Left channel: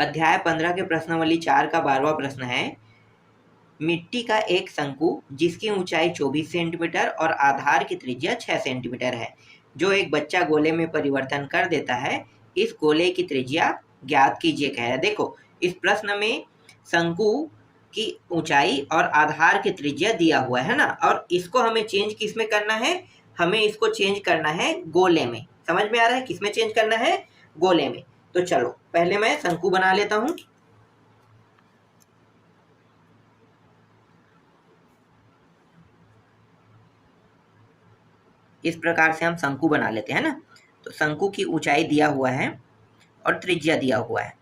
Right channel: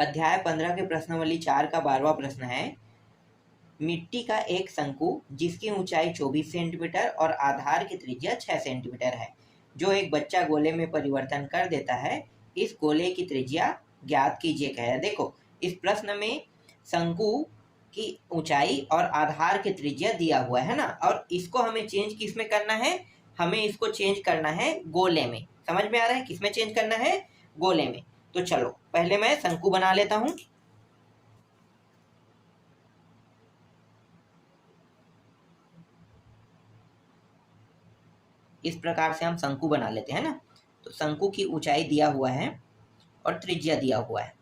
अध्याय 15 के प्रश्नावली 4 का 12वां प्रश्न है, मिट्टी का एक शंकु जिसकी ऊंचाई 24 सेंटीमीटर और आधार की त्रिज्या 6 सेंटीमीटर है, जो एक बच्चा गोले में परिवर्तन कर देता है, इस गोले की त्रिज्या ज्ञात कीजिए कह रहा है। देखो, इस प्रश्न में शंकु की ऊंचाई और आधार की त्रिज्या दिया हुआ है ना, और इसको हमें चेंज किस में करना है? हमें इसको चेंज करना है गोले में। समझ में आ रहा है किस में चेंज करना है? गोले में। तो चलो पहले मैं शंकु बना लेता हूं। इस प्रकार से हम शंकु बना लेते हैं ना। तो शंकु की ऊंचाई दिया हुआ है और त्रिज्या दिया हुआ है।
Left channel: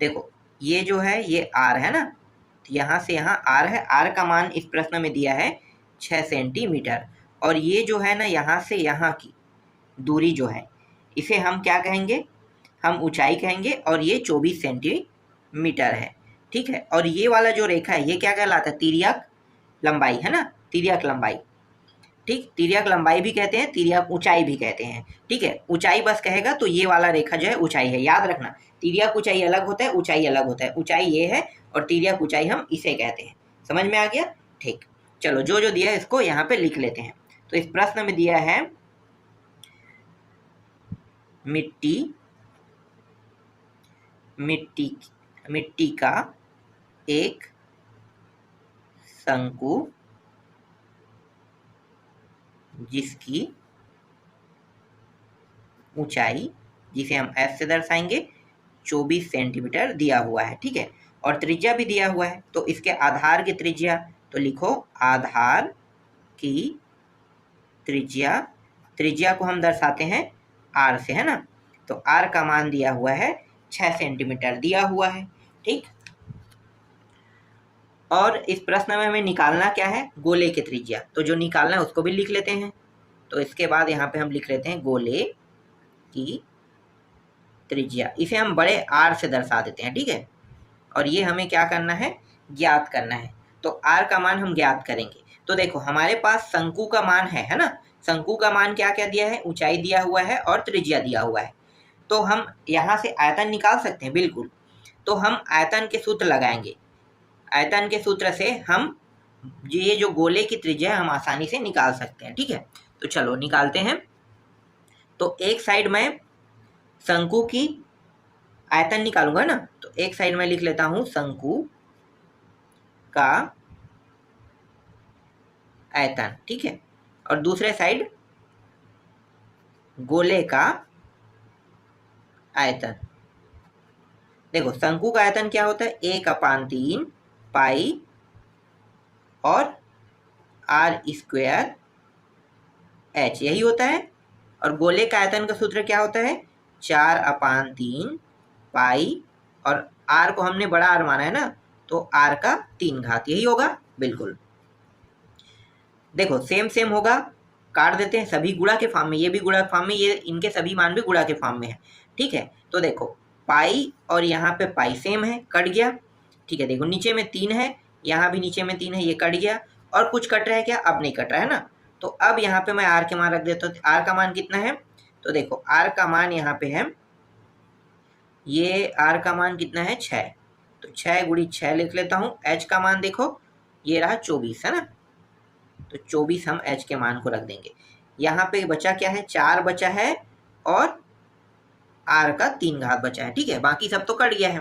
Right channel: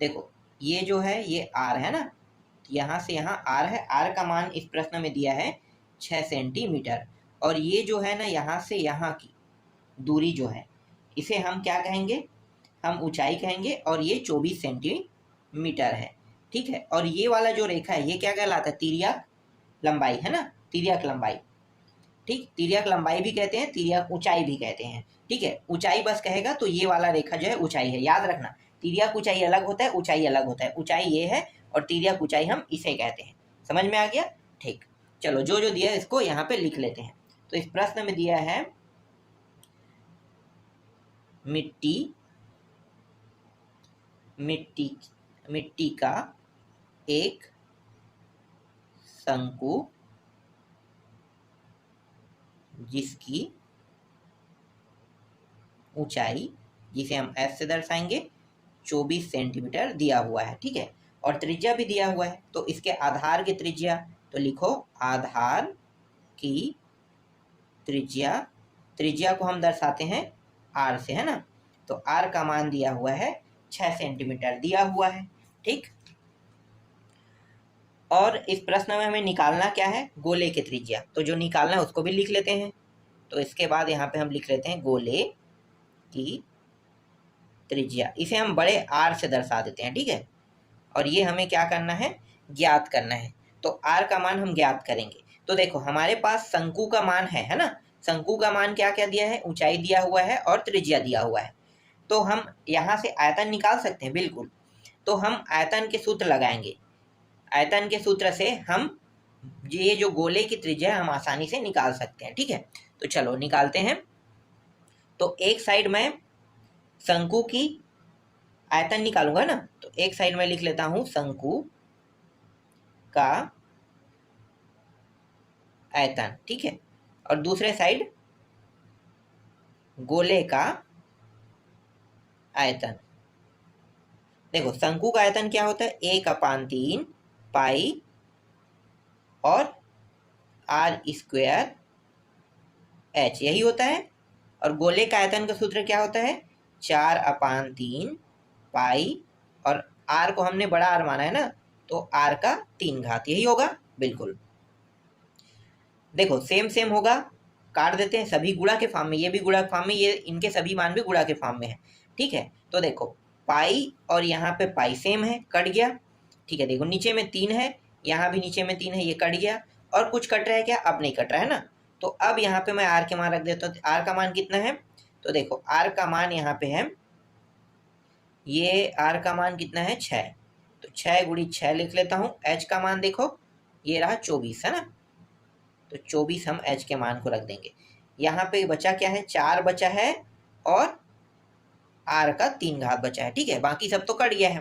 देखो, ये जो है ये r है ना, यहां से यहां r है। r का मान इस प्रश्न में दिया है 6 सेंटीमीटर, और ये जो है ना यहां से यहां की दूरी जो है, इसे हम क्या कहेंगे? हम ऊंचाई कहेंगे, और ये 24 सेंटीमीटर है। ठीक है, और ये वाला जो रेखा है ये क्या कहलाता है? तिर्यक लंबाई है ना, तिर्यक लंबाई। ठीक, तिर्यक लंबाई भी कहते हैं, तिर्यक ऊंचाई भी कहते हैं। ठीक है, ऊंचाई बस कहेगा तो ये वाला रेखा जो है ऊंचाई है। याद रखना, तिर्यक ऊंचाई अलग होता है, ऊंचाई अलग होता है। ऊंचाई ये है और तिर्यक ऊंचाई हम इसे कहते हैं। समझ में आ गया? ठीक, चलो जो जो दिया है इसको यहाँ पे लिख लेते हैं। तो इस प्रश्न में दिया है मिट्टी मिट्टी मिट्टी का एक शंकु जिसकी ऊंचाई, जिसे हम f से दर्शाएंगे, 24 सेंटीमीटर दिया हुआ है। ठीक है, और त्रिज्या भी दिया हुआ है। तो इसके आधार की त्रिज्या, तो लिखो आधार की त्रिज्या। त्रिज्या को हम दर्शाते हैं r से, है ना। तो r का मान दिया हुआ है 6 सेंटीमीटर दिया हुआ है। ठीक, और इस प्रश्न में हमें निकालना क्या है? गोले की त्रिज्या। तो जो निकालना है उसको भी लिख लेते हैं। तो इसके बाद यहाँ पे हम लिख लेते हैं गोले की त्रिज्या। इसे हम बड़े आर से दर्शा देते हैं। ठीक है, और ये हमें क्या करना है? ज्ञात करना है। तो आर का मान हम ज्ञात करेंगे। तो देखो, हमारे पास शंकु का मान है ना। शंकु का मान क्या क्या दिया है? ऊंचाई दिया हुआ है और त्रिज्या दिया हुआ है। तो हम यहाँ से आयतन निकाल सकते हैं, बिल्कुल। तो हम आयतन के सूत्र लगाएंगे। आयतन के सूत्र से हम ये जो गोले की त्रिज्या है हम आसानी से निकाल सकते हैं। ठीक है, तो चलो निकालते हैं। तो एक साइड में शंकु की आयतन निकालूंगा ना, तो एक साइड में लिख लेता हूं शंकु का आयतन। ठीक है, और दूसरे साइड गोले का आयतन। देखो, शंकु का आयतन क्या होता है? 1/3 पाई और r स्क्वायर h, यही होता है। और गोले का आयतन का सूत्र क्या होता है? 4/3 पाई, और r को हमने बड़ा r माना है ना, तो r का 3 घात, यही होगा। बिल्कुल, देखो सेम सेम होगा, काट देते हैं। सभी गुणा के फॉर्म में, ये भी गुणा के फॉर्म में, ये इनके सभी मान भी गुणा के फॉर्म में है। ठीक है, तो देखो पाई और यहाँ पे पाई सेम है, कट गया। ठीक है, देखो नीचे में 3 है, यहाँ भी नीचे में 3 है, ये कट गया। और कुछ कट रहा है क्या? अब नहीं कट रहा है ना। तो अब यहाँ पे मैं आर के मान रख देता हूँ। आर का मान कितना है? तो देखो आर का मान यहाँ पे है, ये आर का मान कितना है? 6। तो 6 गुणी 6 लिख लेता हूँ। एच का मान देखो, ये रहा 24, है ना। तो 24 हम h के मान को रख देंगे। यहाँ पे बचा क्या है? 4 बचा है और r का 3 घात बचा है। ठीक है, बाकी सब तो कट गया है।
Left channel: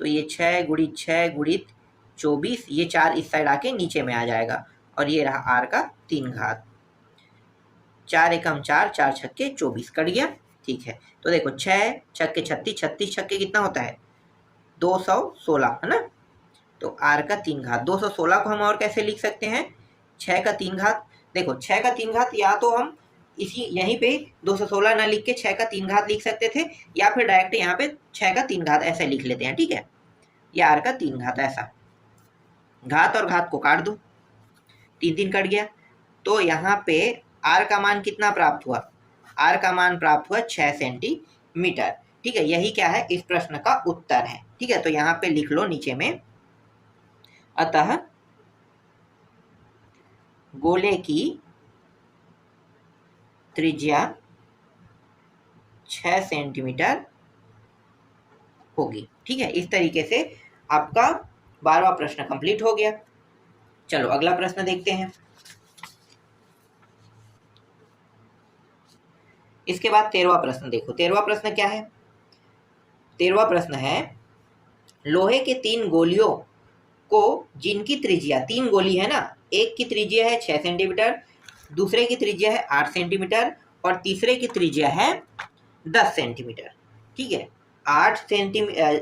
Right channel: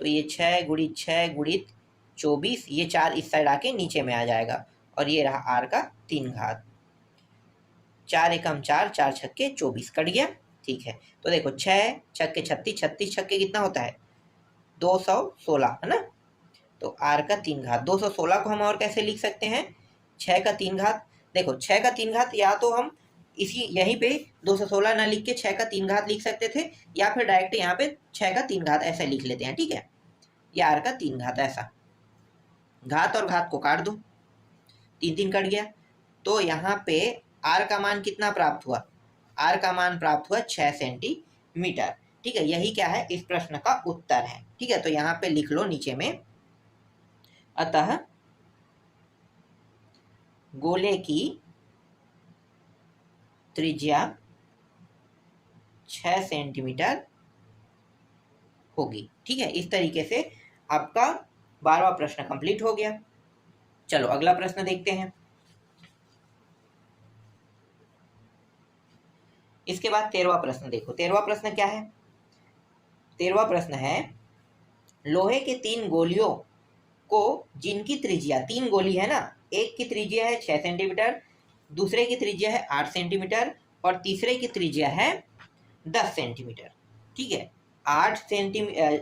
तो ये 6 गुणित 6 गुणित 24, ये 4 इस साइड आके नीचे में आ जाएगा, और ये रहा r का 3 घात। 4 एकम 4, 4 छक्के 24, कट गया। ठीक है, तो देखो 6 छक्के 36, 36 छक्के कितना होता है? 216, है ना। तो r का 3 घात, 216 को हम और कैसे लिख सकते हैं? 6 का 3 घात। देखो 6 का 3 घात, या तो हम इसी यहीं पे 216 ना लिख के 6 का 3 घात लिख सकते थे, या फिर डायरेक्ट यहाँ पे 6 का 3 घात ऐसे लिख लेते हैं। ठीक है, या r का 3 घात ऐसा, घात और घात को काट दो, 3 3 कट गया। तो यहाँ पे r का मान कितना प्राप्त हुआ? r का मान प्राप्त हुआ 6 सेंटीमीटर। ठीक है, यही क्या है? इस प्रश्न का उत्तर है। ठीक है, तो यहाँ पे लिख लो नीचे में, अतः गोले की त्रिज्या 6 सेंटीमीटर होगी। ठीक है, इस तरीके से आपका 12वां प्रश्न कंप्लीट हो गया। चलो अगला प्रश्न देखते हैं। इसके बाद 13वां प्रश्न देखो। 13वां प्रश्न क्या है? 13वां प्रश्न है, लोहे के 3 गोलियों को जिनकी त्रिज्या, 3 गोली है ना, एक की त्रिज्या है 6 सेंटीमीटर, दूसरे की त्रिज्या है 8 सेंटीमीटर और तीसरे की त्रिज्या है 10 सेंटीमीटर। ठीक है, 8 सेंटीमीटर,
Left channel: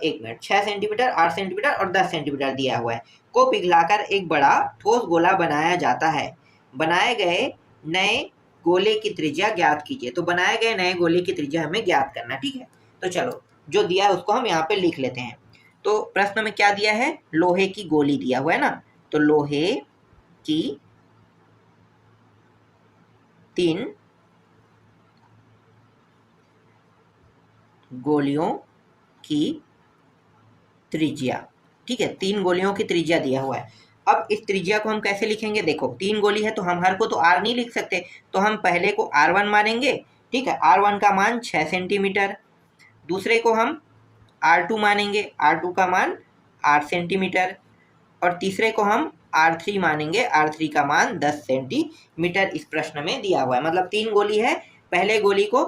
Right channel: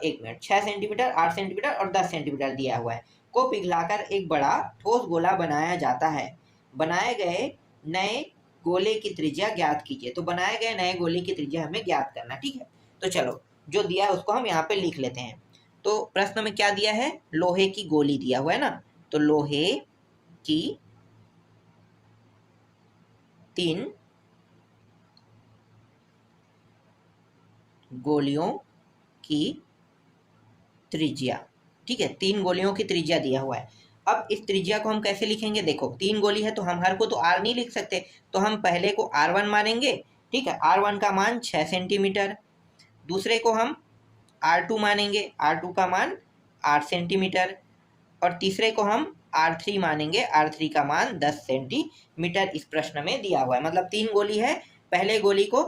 एक मिनट, 6 सेंटीमीटर, 8 सेंटीमीटर और 10 सेंटीमीटर दिया हुआ है, को पिघलाकर एक बड़ा ठोस गोला बनाया जाता है। बनाए गए नए गोले की त्रिज्या ज्ञात कीजिए। तो बनाए गए नए गोले की त्रिज्या हमें ज्ञात करना। ठीक है, तो चलो जो दिया है उसको हम यहाँ पे लिख लेते हैं। तो प्रश्न में क्या दिया है? लोहे की गोली दिया हुआ है ना, तो लोहे की 3 गोलियों की त्रिज्या। ठीक है, 3 गोलियों की त्रिज्या दिया हुआ है। अब इस त्रिज्या को हम कैसे लिखेंगे? देखो 3 गोली है तो हम हर को तो आर नहीं लिख सकते, तो हम पहले को R1 मानेंगे। ठीक है, R1 का मान 6 सेंटीमीटर, दूसरे को हम R2 मानेंगे, R2 का मान 8 सेंटीमीटर और तीसरे को हम R3 मानेंगे, R3 का मान 10 सेंटीमीटर इस प्रश्न में दिया हुआ है। मतलब 3 गोली है, पहले गोली को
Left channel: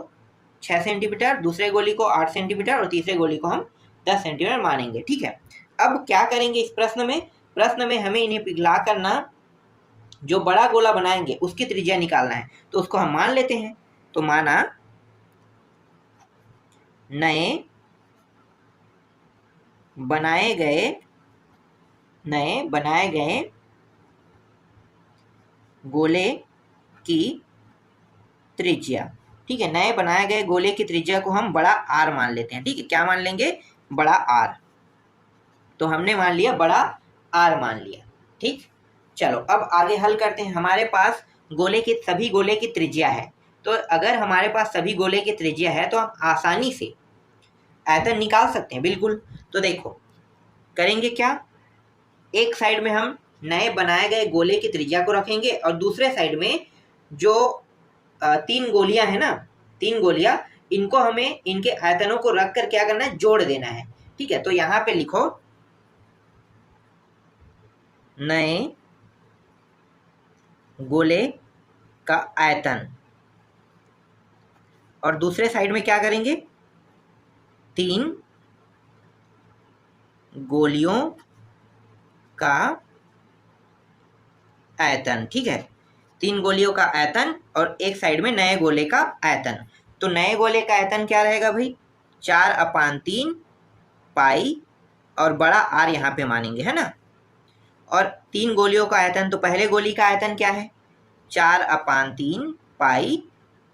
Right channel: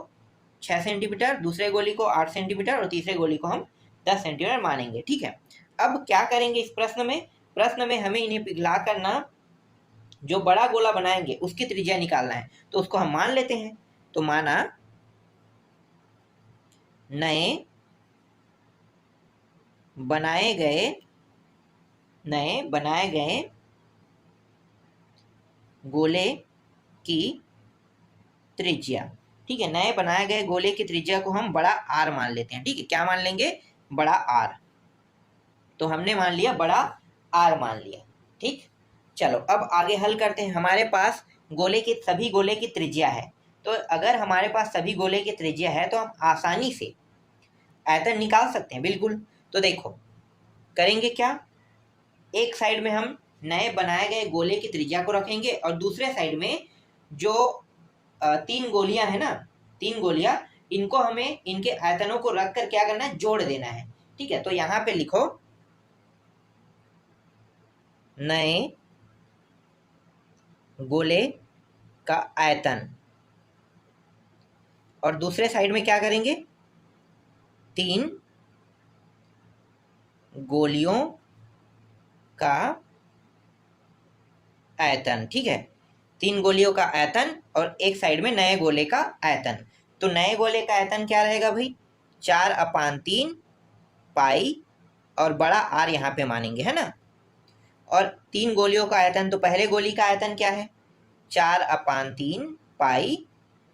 6 सेंटीमीटर, दूसरे गोली को 8 सेंटीमीटर और तीसरे गोली को हम 10 सेंटीमीटर मानेंगे। ठीक है, अब क्या करेंगे इस प्रश्न में? प्रश्न में हमें इन्हें पिघला करना, जो बड़ा गोला बनाएंगे उसकी त्रिज्या निकालना है, तो उसको हम मान लेते हैं। तो माना नए बनाए गए गोले की त्रिज्या। ठीक है, नए बनाए गए गोले की त्रिज्या को हम बड़ा आर मान लेते हैं। ठीक है, क्या मान लेंगे? बड़ा आर। तो हमने मान लिया, बड़ा आर मान लिया। ठीक, चलो अब आगे हल करते हैं। हमारे पास सभी गोले की त्रिज्या है, तो अगर हमारे पास सभी गोले की त्रिज्या है तो हम आसानी से आयतन निकाल सकते हैं। बिल्कुल, तो देखो करेंगे क्या, एक साइड में हम नए बनाए गए गोले की त्रिज्या को रखेंगे और दूसरे साइड में जो 3 गोलियां है ना, 3 गोलियां, इनको हमें इनके आयतनों को रख कर क्या करना है? जोड़ देना है। ठीक है, तो यहाँ पे लिखो नए गोले का आयतन, और दूसरे साइड में क्या करेंगे? 3 गोलियों का आयतन। ठीक है, 3 गोलियों का आयतन और एक साइड में नए गोले का आयतन। तो नए गोले का आयतन क्या रहेगा भाई? 4/3 पाई और बड़ा आर यहाँ पे मानेंगे, है ना। और 3 गोलियों का आयतन, तो पहले गोली का आयतन क्या है? 4/3 पाई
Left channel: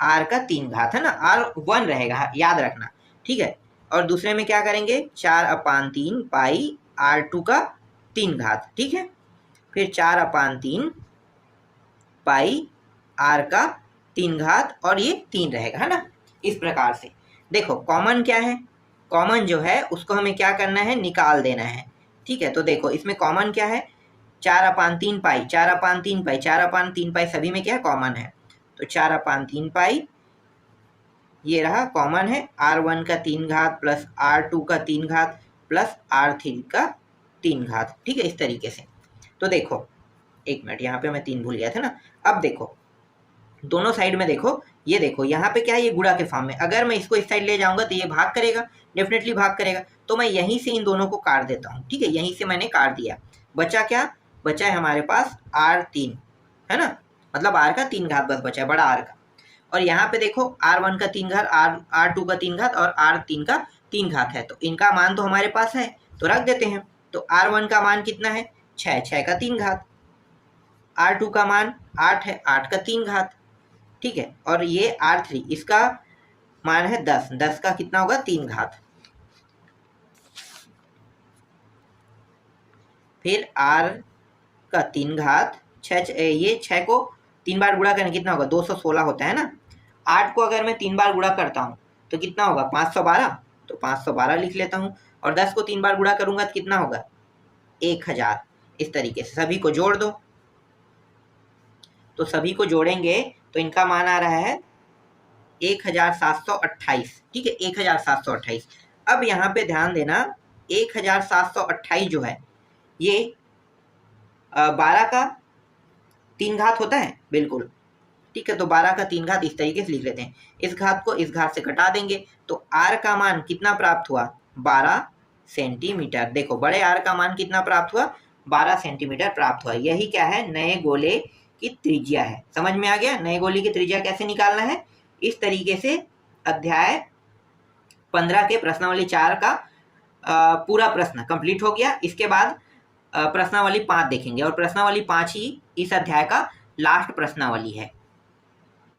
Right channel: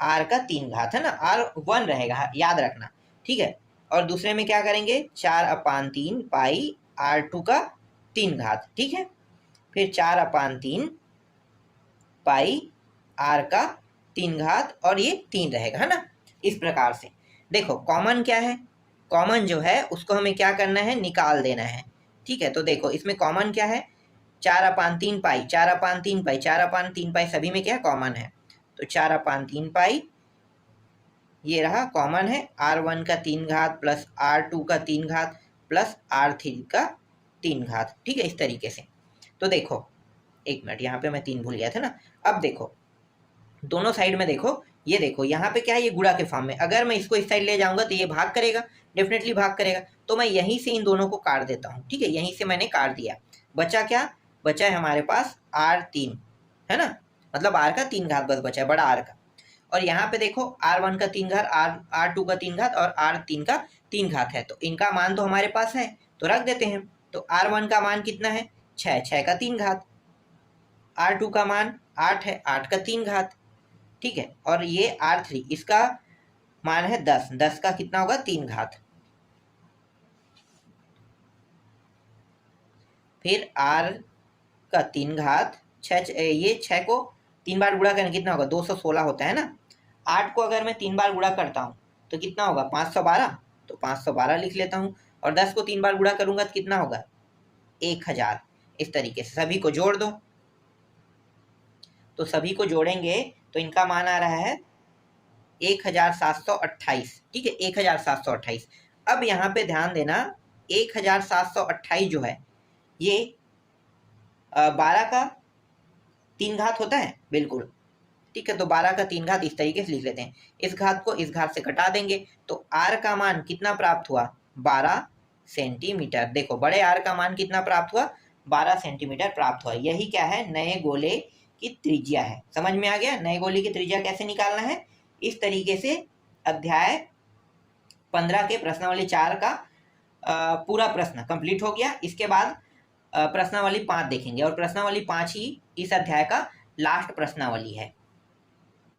आर का 3 घात, है ना, R1 रहेगा, याद रखना। ठीक है, और दूसरे में क्या करेंगे? 4/3 पाई R2 का 3 घात। ठीक है, फिर 4/3 पाई आर का 3 घात और ये 3 रहेगा, है ना। इस प्रकार से देखो कॉमन क्या है? कॉमन जो है उसको हमें क्या करना है? निकाल देना है। ठीक है, तो देखो इसमें कॉमन क्या है? 4/3 पाई, 4/3 पाई, 4/3 पाई सभी में क्या है? कॉमन है। तो 4/3 पाई ये रहा कॉमन है, R1 का 3 घात प्लस R2 का 3 घात प्लस R3 का 3 घात। ठीक है, इस तरीके से। तो देखो एक मिनट, यहाँ पे मैं 3 भूल गया था ना। अब देखो दोनों साइड में देखो, ये देखो यहाँ पे क्या है? ये गुणा के फॉर्म में, अगर मैं इसको इस साइड ले जाऊंगा तो ये भाग करेगा, डेफिनेटली भाग करेगा। तो मैं यहीं से इन दोनों को काट देता हूँ। ठीक है, यहीं से मैंने काट दिया। बचा क्या? बचा है हमारे पास R3, है ना, मतलब R का 3 घात बस बचा है, बड़ा R का। और यहाँ पे देखो R1 का 3 घात, R2 का 3 घात और R3 का 3 घात है, तो इनका मान तो हमारे पास है, तो रख देते हैं। तो R1 का मान कितना है? 6, 6 का 3 घात। R2 का मान 8 है, 8 का 3 घात। ठीक है, और ये R3 इसका मान है 10, 10 का कितना होगा? 3 घात। फिर R का 3 घात, 6, ये 6 को 3 बार गुणा करने कितना होगा? 216 होता है ना। 8 को अगर मैं 3 बार गुणा करता हूँ तो कितना होगा? 512, तो 512 लिख लेता हूँ। और 10 को 3 बार गुणा करूंगा तो कितना होगा? 1000। इस तरीके से सभी को जोड़ दो। तो सभी को जोड़ेंगे तो इनका मान आ रहा है 1728। ठीक है, 1728। अब यहाँ पे ध्यान देना, 1728 जो है ये 12 का 3 घात होता है, बिल्कुल ठीक है। तो 12 का 3 घात इस तरीके से लिख लेते हैं, इस घात को इस घात से घटा देंगे तो r का मान कितना प्राप्त हुआ, 12 सेंटीमीटर। देखो बड़े r का मान कितना प्राप्त हुआ, 12 सेंटीमीटर प्राप्त हुआ। यही क्या है, नए गोले की त्रिज्या है। समझ में आ गया नए गोले की त्रिज्या कैसे निकालना है। इस तरीके से अध्याय 15 के प्रश्नावली 4 का पूरा प्रश्न कंप्लीट हो गया। इसके बाद प्रश्नावली 5 देखेंगे, और प्रश्नावली 5 ही इस अध्याय का लास्ट प्रश्नावली है।